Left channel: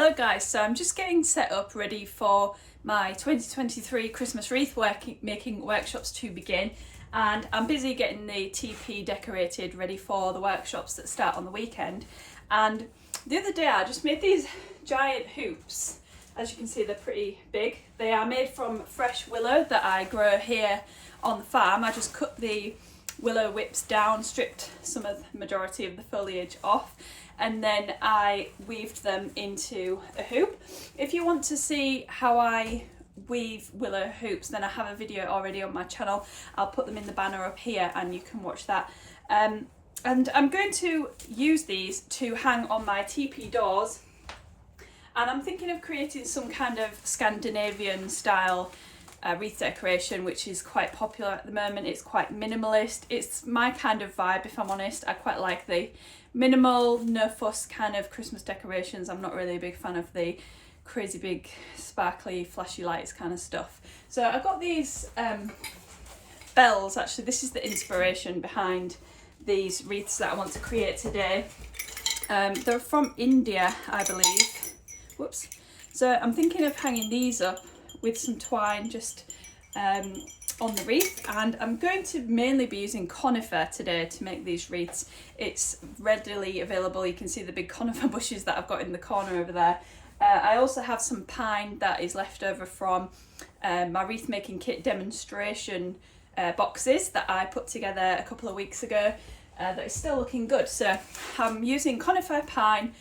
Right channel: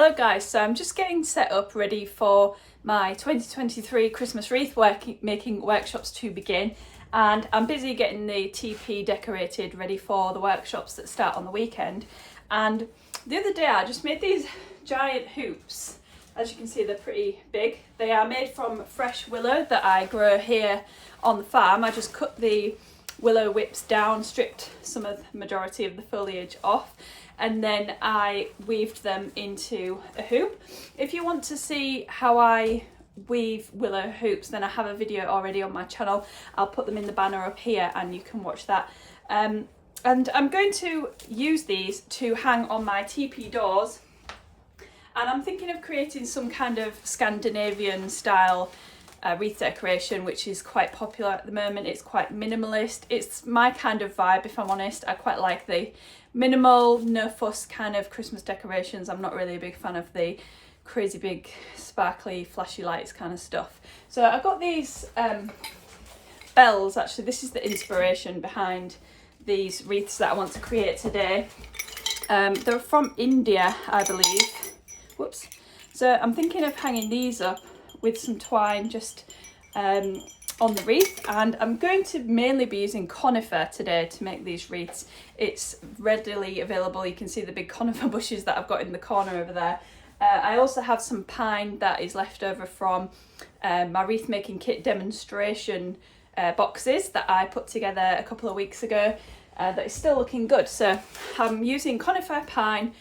Hello guys, so I'm just getting set up ready for my 2023 Christmas wreath making workshops to begin, and I'm busy getting the TP decorated ready for the workshops that start on the weekend. And the other day I just made these giant hoops. As you can see, they're pretty big. They are made from fresh willow that I grow here on the farm. I just cut the willow whips down, stripped some of the majority of the foliage off, and then I weaved them into a hoop. If you want to see how I weave willow hoops, then I have a video already on my channel. I'll put them in the banner up here and you can watch that. And I'm going to use these to hang on my teepee doors, and I'm thinking of creating some kind of Scandinavian style wreath decoration, which is quite popular at the moment. It's quite minimalist. It's my kind of vibe, if I'm honest. I quite like the minimal, no fuss kind of Christmas decorations. I'm not really a big fan of the crazy big sparkly flashy lights kind of stuff. So I got these bells. Actually, this is the inspiration behind these wreaths that I want to create today. They're from India, I believe. Whoops. So I'm thinking of hanging these up with some twine just on the wreath, and I'm going to mainly be using conifer today to make these wreaths. It's readily available. You can see the big conifer bushes that I've got in the corner over there. I also have some pine that is left over from my wreath making kit demonstration boxes that I put together a couple of weeks ago that is still looking good. So I'm using conifer, pine,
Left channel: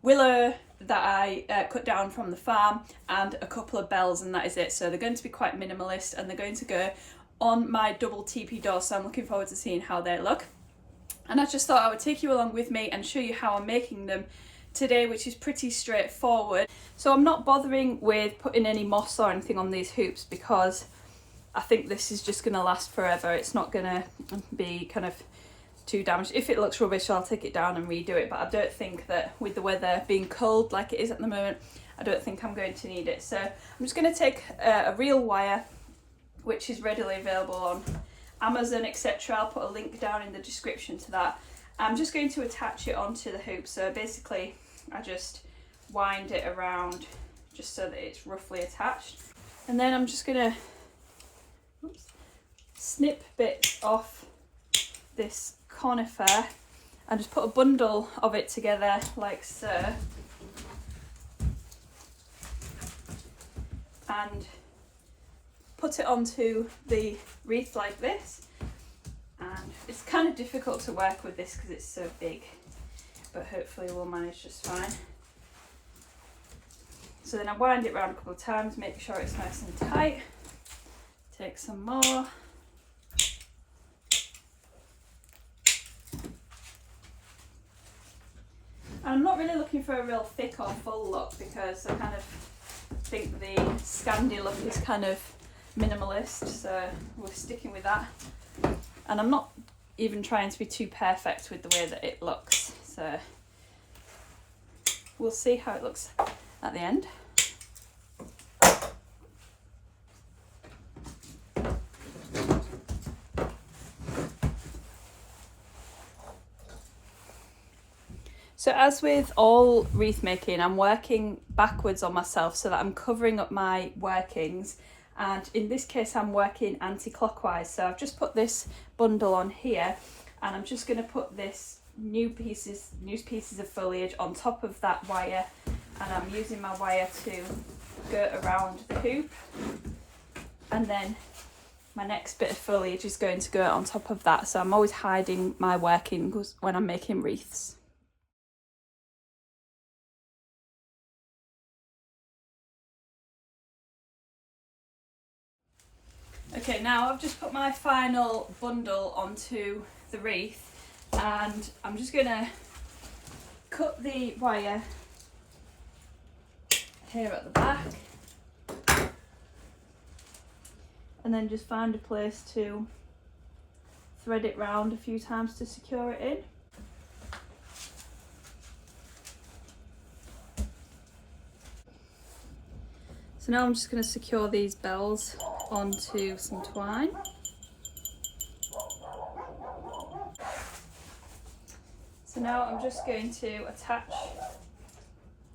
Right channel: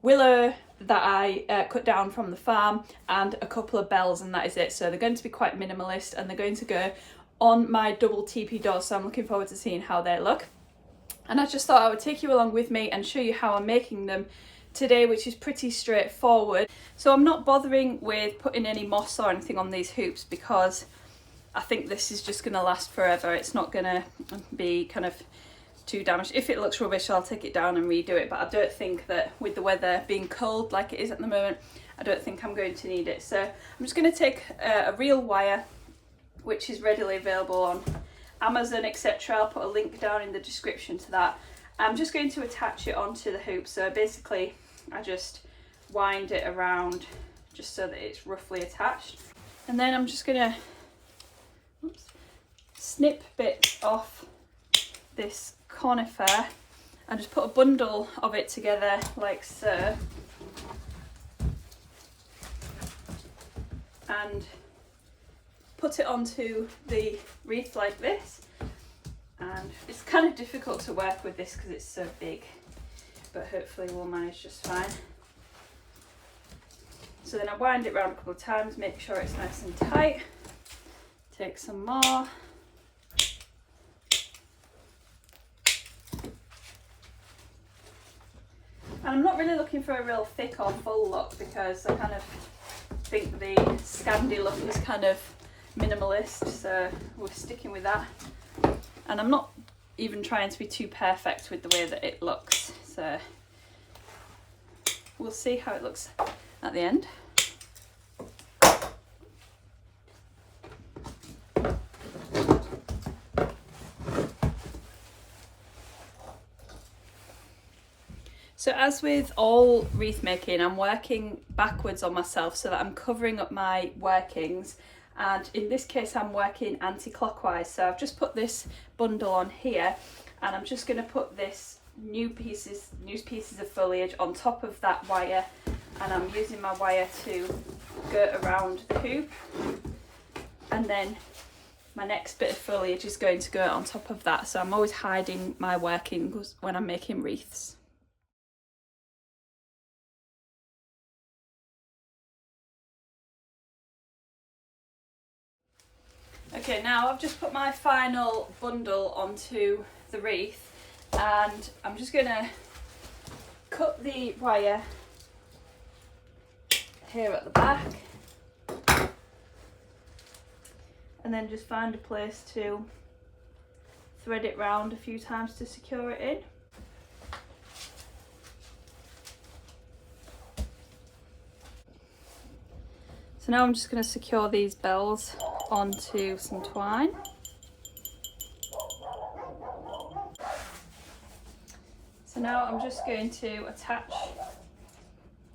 willow that I cut down from the farm, and a couple of bells, and that is it. So they're going to be quite minimalist, and they're going to go on my double teepee door, so I'm looking forward to seeing how they look. And I just thought I would take you along with me and show you how I'm making them today, which is pretty straightforward. So I'm not bothering with putting any moss or anything on these hoops because I think this is just going to last forever. It's not going to be kind of too damaged. If it looks rubbish, I'll take it down and redo it, but I don't think that with the weather being cold like it is at the moment, I don't think I'm going to need it. So I'm just going to take a reel wire, which is readily available on Amazon, etc. I'll put a link down in the description to that. I'm just going to attach it onto the hoop. So basically I just wind it around just so that it's roughly attached, and then I'm just going to snip bits off this conifer and just put a bundle of it together like so, and put it onto the wreath like this. And it's kind of difficult to work with this because it's so big, but hopefully we'll manage just fine. So then I wind it around a couple of times, make sure it's nice and tight. Take some more. And I'm not really looking for a real thick or full look because I kind of think the Scandi look is kind of minimalist, so we're sticking with that. And I'm not even trying to be too perfect with the way that it looks, so we'll see how it looks at the end. So as with all wreath making, I'm working backwards on myself so that I'm covering up my workings, and in this case I'm working anti-clockwise. So I've just put this bundle on here, and I'm just going to put this new pieces of foliage on top of that wire, and I'm using my wire to go around the hoop, and then my next bit of foliage is going to go on top of that. So I'm always hiding my workings when I'm making wreaths. Okay, now I've just put my final bundle onto the wreath, and I'm just going to cut the wire here at the back, and then just find a place to thread it round a few times to secure it in. So now I'm just going to secure these bells onto some twine. So now I'm just going to attach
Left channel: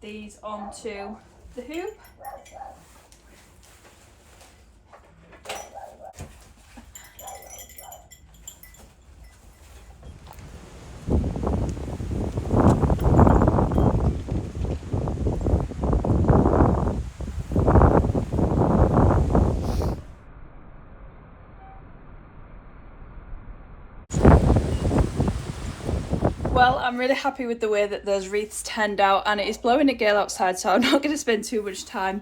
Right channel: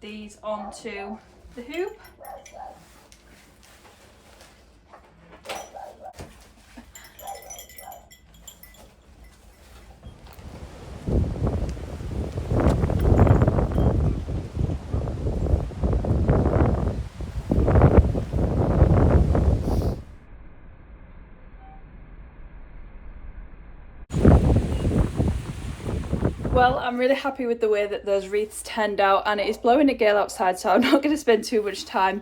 these onto the hoop. Well, I'm really happy with the way that those wreaths turned out, and it is blowing a gale outside, so I'm not going to spend too much time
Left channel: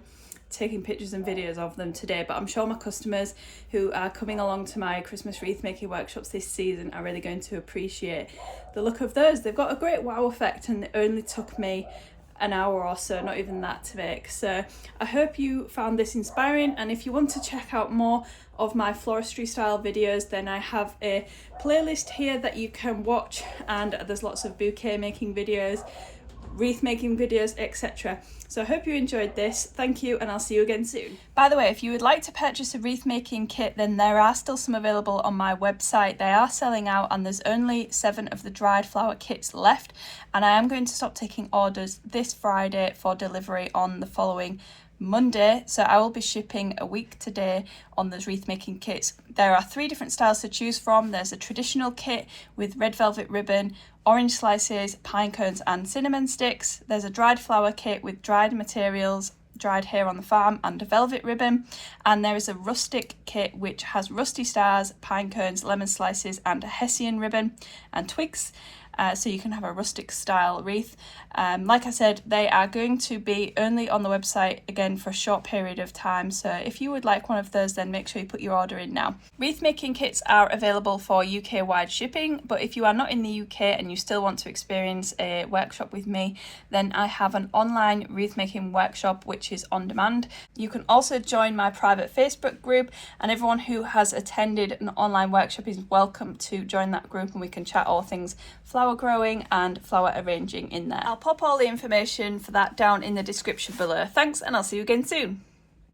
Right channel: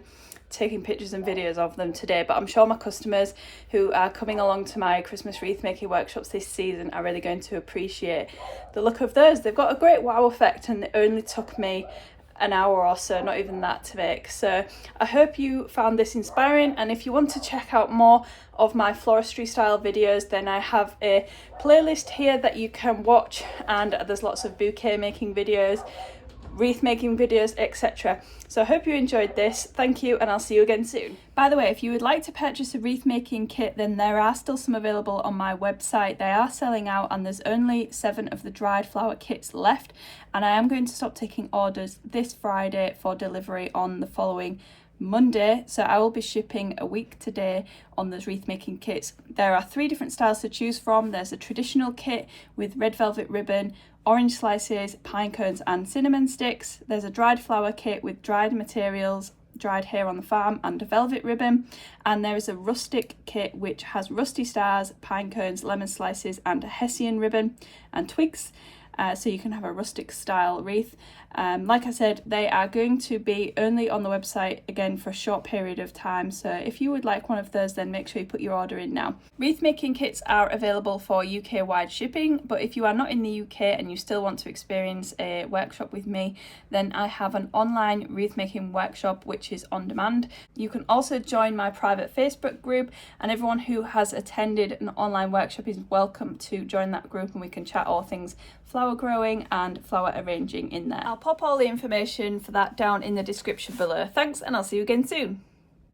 taking pictures and videos of them today, but I'm sure my customers who are coming along to my Christmas wreath making workshops this season are really going to appreciate the look of those. They've got a great wow effect, and it only took me an hour or so, not even that, to make. So I hope you found this inspiring, and if you want to check out more of my floristry style videos, then I have a playlist here that you can watch, and there's lots of bouquet making videos, wreath making videos, etc. So I hope you enjoyed this. Thank you, and I'll see you again soon. By the way, if you would like to purchase a wreath making kit, then there are still some available on my website. They are selling out, and there's only 7 of the dried flower kits left, and I am going to stop taking orders this Friday for delivery on the following Monday, so I will be shipping a week today on those wreath making kits. There are 3 different styles to choose from. There's a traditional kit with red velvet ribbon, orange slices, pine cones and cinnamon sticks. There's a dried flower kit with dried materials, dried here on the farm, and a velvet ribbon. And there is a rustic kit which has rusty stars, pine cones, lemon slices and a hessian ribbon and twigs. So you can have a rustic style wreath. Like I said, they are going to be only on the website again for a short period of time, so if you would like one of those, then make sure you put your order in now. Wreath making kits are available for UK wide shipping, but if you are not in the UK and you still want to experience a workshop with me, then I have an online wreath making workshop which is on demand. You can also join my private Facebook group, and everyone who has attended an online workshop is welcome to join that group, and we can chat all things flower growing and flower arranging in there. I'll pop all the information for that down in the description below. Thanks, and I'll see you again soon.